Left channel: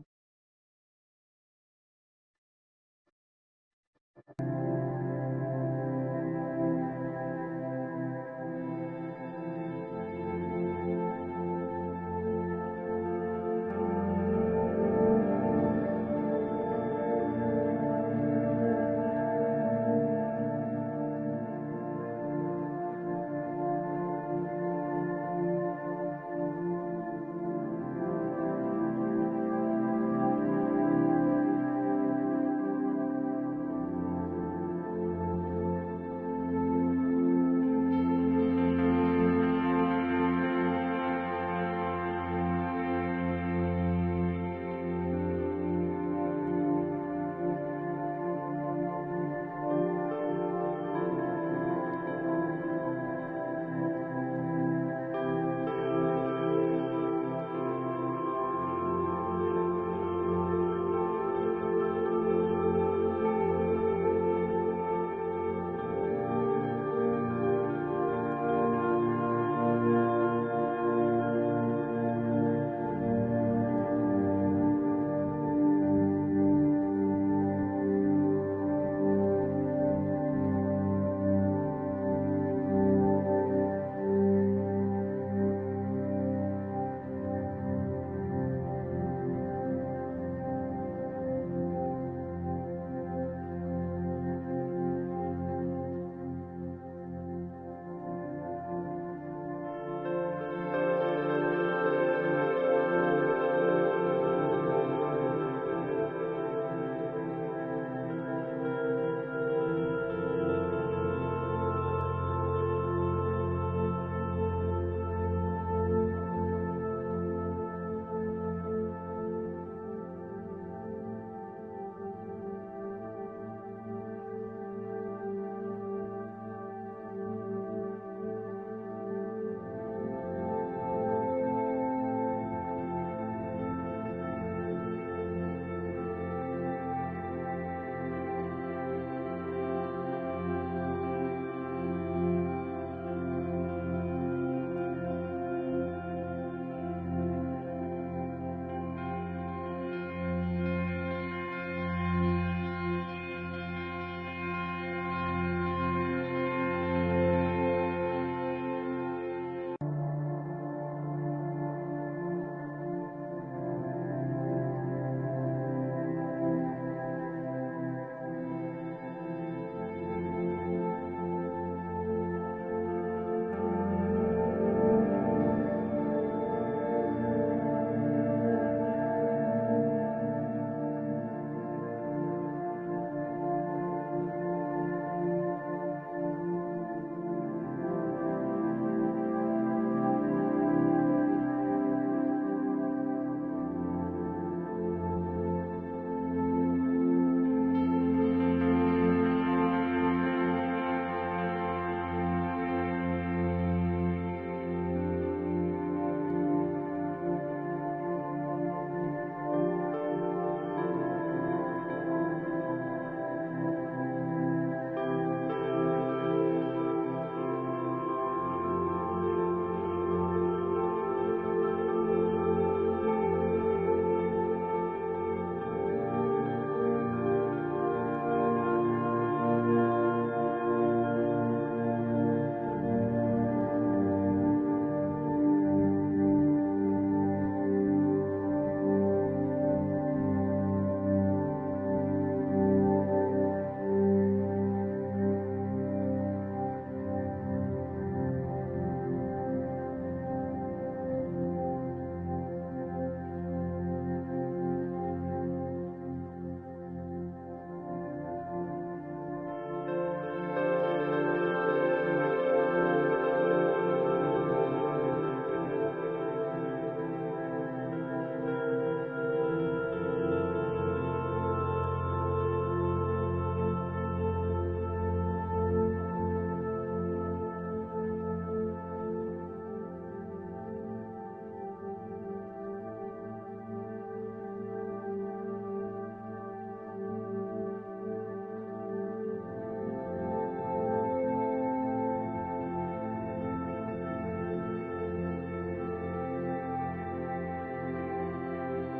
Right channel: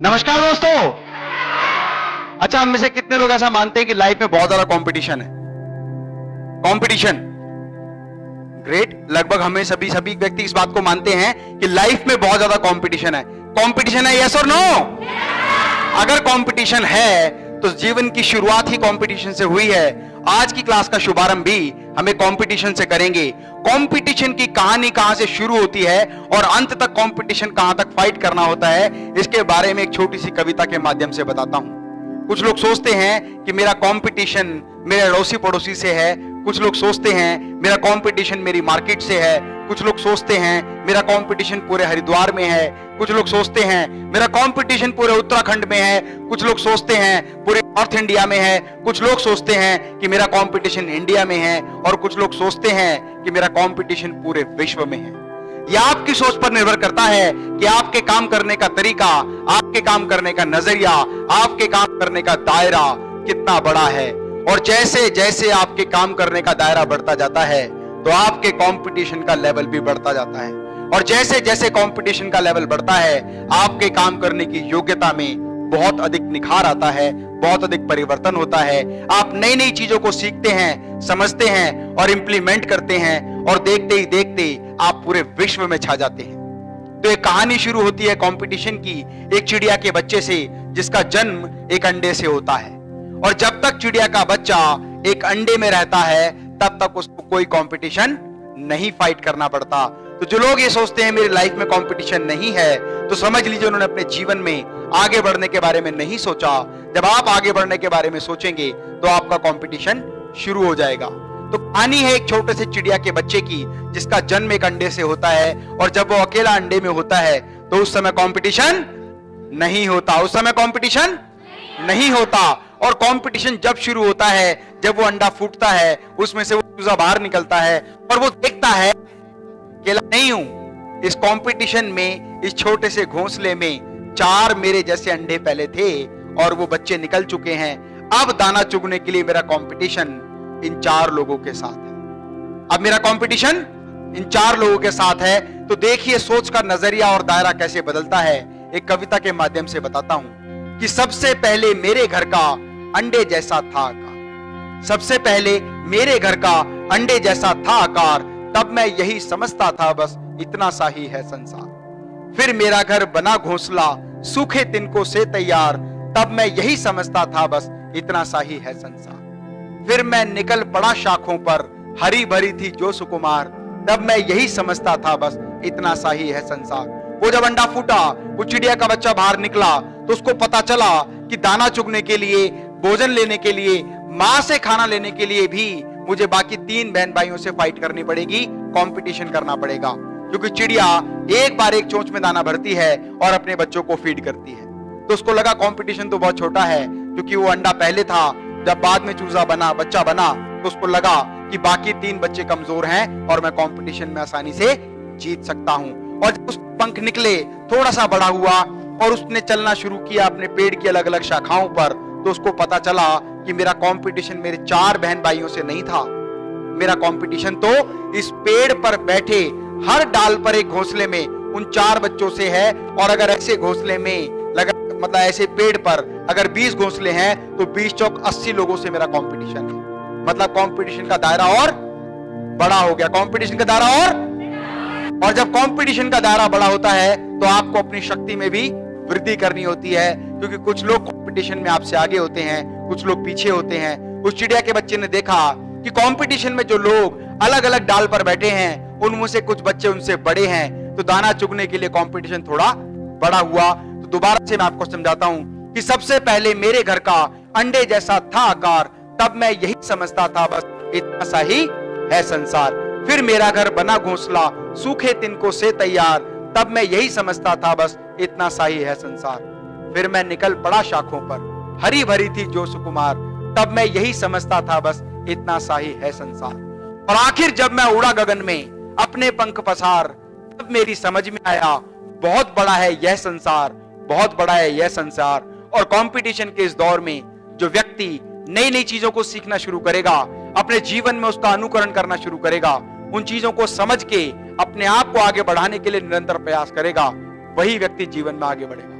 नमस्कार दोस्तों। अच्छा, हम में से कितने लोग ऐसा मानते हैं कि लाइफ में बहुत ज्यादा कंपटीशन है? Competition great. लगभग हमें सभी व्यक्ति इस बात को मानते हैं कि लाइफ में बहुत ज्यादा कंपटीशन है। कंपटीशन है, यस और नो? अगर कंपटीशन है तो जीवन की शुरुआत ही कंपटीशन से हुई है। आज की क्लास का शुभारंभ भी हमें कंपटीशन से करेंगे। कंपटीशन की कहानी कहां से शुरू होती है और अंत तक कंपटीशन कहां तक फाइट करना होता है, इसके बारे में एक छोटी सी कविता के माध्यम से बताता हूं। कुछ लोग सोचते हैं कि मेरा कंपटीशन मेरे अड़ोसी पड़ोसी से है। कुछ लोग सोचते हैं मेरा कंपटीशन मेरी मार्केट से है। कुछ लोग सोचते हैं मेरा कंपटीशन पूरे हरिद्वार में है। कुछ लोग सोचते हैं मेरा कंपटीशन पूरे उत्तराखंड में है। कुछ लोग सोचते हैं पूरे नॉर्थ इंडिया में है। कुछ लोग सोचते हैं कि मेरा कंपटीशन इंडिया में है और कुछ लोग सोचते हैं कि मेरा कंपटीशन पूरे विश्व में है। यह आपकी सोच पर निर्भर करता है कि आपके काम करने का तरीका, आपके काम करने का नजरिया, आपके काम करने का दायरा कितना बड़ा है। और जैसे जैसे आपके काम करने का दायरा बढ़ता जाता है तो आपके कंपटीशन का लेवल भी बढ़ता जाता है। और जैसे जैसे कंपटीशन का लेवल बढ़ता है आपके काम करने की योग्यता में बहुत अधिक निखार आता है, बहुत अधिक परिवर्तन होता है। आप नई नई चीजों को सीखते हैं, समझते हैं और इंप्लीमेंट करते हैं और देखते ही देखते आप पूरे विश्व में छा जाते हैं। तो एक कहानी शुरू होती है कंपटीशन की, एक चिड़िया के बच्चे से जिसका जन्म एक अंडे से होता है। और जब तक चिड़िया का बच्चा एक अंडे में रहता है तब तक उसको कोई कंपटीशन नहीं फाइट करना पड़ता। तो जो लोग ये सोचते हैं मेरी लाइफ में कंपटीशन नहीं है, तो समझ लीजिए उन्होंने अपने जीवन में आगे बढ़ने के बारे में नहीं सोचा। जब आप आगे बढ़ने के बारे में सोचेंगे तो आपका कंपटीशन शुरू हो जाएगा। तो कहानी है एक छोटे से चिड़िया के बच्चे की जिसका जन्म एक अंडे से होता है। और जब वो अकेला अंडे में होता है तो उस समय कंपटीशन नहीं होता। उस समय कंपटीशन नहीं होता। और कंपटीशन जब शुरू होता है जब वो अंडा फूटता है, उसमें से वो चूजा बाहर निकलता है और वो देखता है अकेला नहीं हूं। इस कंपटीशन में, इस छोटे से घोंसले में 4 मेरे जैसे अंडे पहले थे और वो बच्चे निकल चुके हैं। अब दाना चुगने के लिए मेरा कंपटीशन इन 4 लोगों के साथ है। अब मेरा कंपटीशन इन 4 लोगों के साथ है। तो देखिए सोच का नजरिया और दायरा कैसे बदलता है। एक कविता के माध्यम से बताता हूं कि सबसे पहले मेरे घर का अंडे जैसा था आकार। सबसे पहले मेरे घर का अंडे जैसा था आकार, तब मैं यही समझता था बस इतना सा ही है संसार। फिर मेरा घर बना घोंसला सूखे तिनकों से तैयार, तब मैं यही समझता था बस इतना सा ही है संसार। फिर मैं निकल पड़ा शाखों पर, हरी भरी थी जो सुकुमार, तब मैं यही समझता था बस इतना सा ही है संसार। वो जब अंडा फूटा, वो चिड़िया का बच्चा बाहर निकला तो उसको पता चला कि दाना चुगने के लिए, भोजन लेने के लिए, मां से खाना लेने के लिए भी मुझे बाकी 3 बहन भाइयों से फाइट करनी पड़ेगी, कंपटीशन करना पड़ेगा। क्योंकि चिड़िया एक बार एक चोंच में दाना भरती है और अपने बच्चों को फीड करती है। तो उसको लगा कंपटीशन तो बहुत छोटा है, क्योंकि वो अंडा पहले था। जब बाद में चूजा बना, बच्चा बना, तो उसको लगा कि बाकी 3 बच्चे कमजोर हैं और मैं कंपटीशन में आसानी से जीत सकता हूं। और जब उसके पंख निकले, थोड़ा सा बड़ा हुआ और उसने चलना शुरू किया अपने पेड़ की अलग अलग शाखाओं पर, तो उसको पता चला कि मेरा कंपटीशन मेरे 4 बहन भाइयों से नहीं था। मेरा कंपटीशन तो इस पेड़ पर बैठे हर डाल पर एक घोंसले में उन 4 बच्चों से है। और अगर ऐसे घोंसले में मतलब ऐसे पेड़ पर अगर 20 घोंसले हैं तो 20 चौक 80 लोगों से मेरा कंपटीशन है। मतलब कंपटीशन का दायरा और बड़ा हो गया। कंपटीशन का दायरा और जब कंपटीशन का दायरा बड़ा होता है तो आपको अपनी शक्ति में भी वृद्धि करनी होती है। क्योंकि कुछ लोग कंपटीशन में आपसे आगे होते हैं, कुछ लोग पीछे होते हैं। उस चिड़िया के बच्चे ने देखा कि कंपटीशन में जो लोग अलग अलग डाल पर बैठे हैं उनमें से कुछ बच्चे उनसे बड़े हैं। तो दाना चुगने के लिए कंपटीशन थोड़ा बड़ा हुआ। तो दोबारा से मैं आपको समझाता हूं कि सबसे पहले मेरे घर का अंडे जैसा था आकार, तब मैं यही समझता था बस इतना सा ही है संसार। फिर मेरा घर बना घोंसला सूखे तिनकों से तैयार, तब मैं यही समझता था बस इतना सा ही है संसार। फिर मैं निकल पड़ा शाखों पर, हरी भरी थी जो सुकुमार, तब मैं यही समझता था बस इतना सा ही है संसार। और आखिर जब मैं उड़ा गगन में अपने पंख पसार, तब मेरी समझ में आया बहुत बड़ा है यह संसार, बहुत बड़ा है यह संसार। और कंपटीशन के इस दौर में जो व्यक्ति नई नई चीजों को सीखना शुरू करेगा, अपने जीवन में उसका अनुकरण करना शुरू करेगा, उन चीजों को समझ के अपने आप को आगे बढ़ाने के लिए निरंतर प्रयास करेगा, वही व्यक्ति जीवन में आगे बढ़ेगा।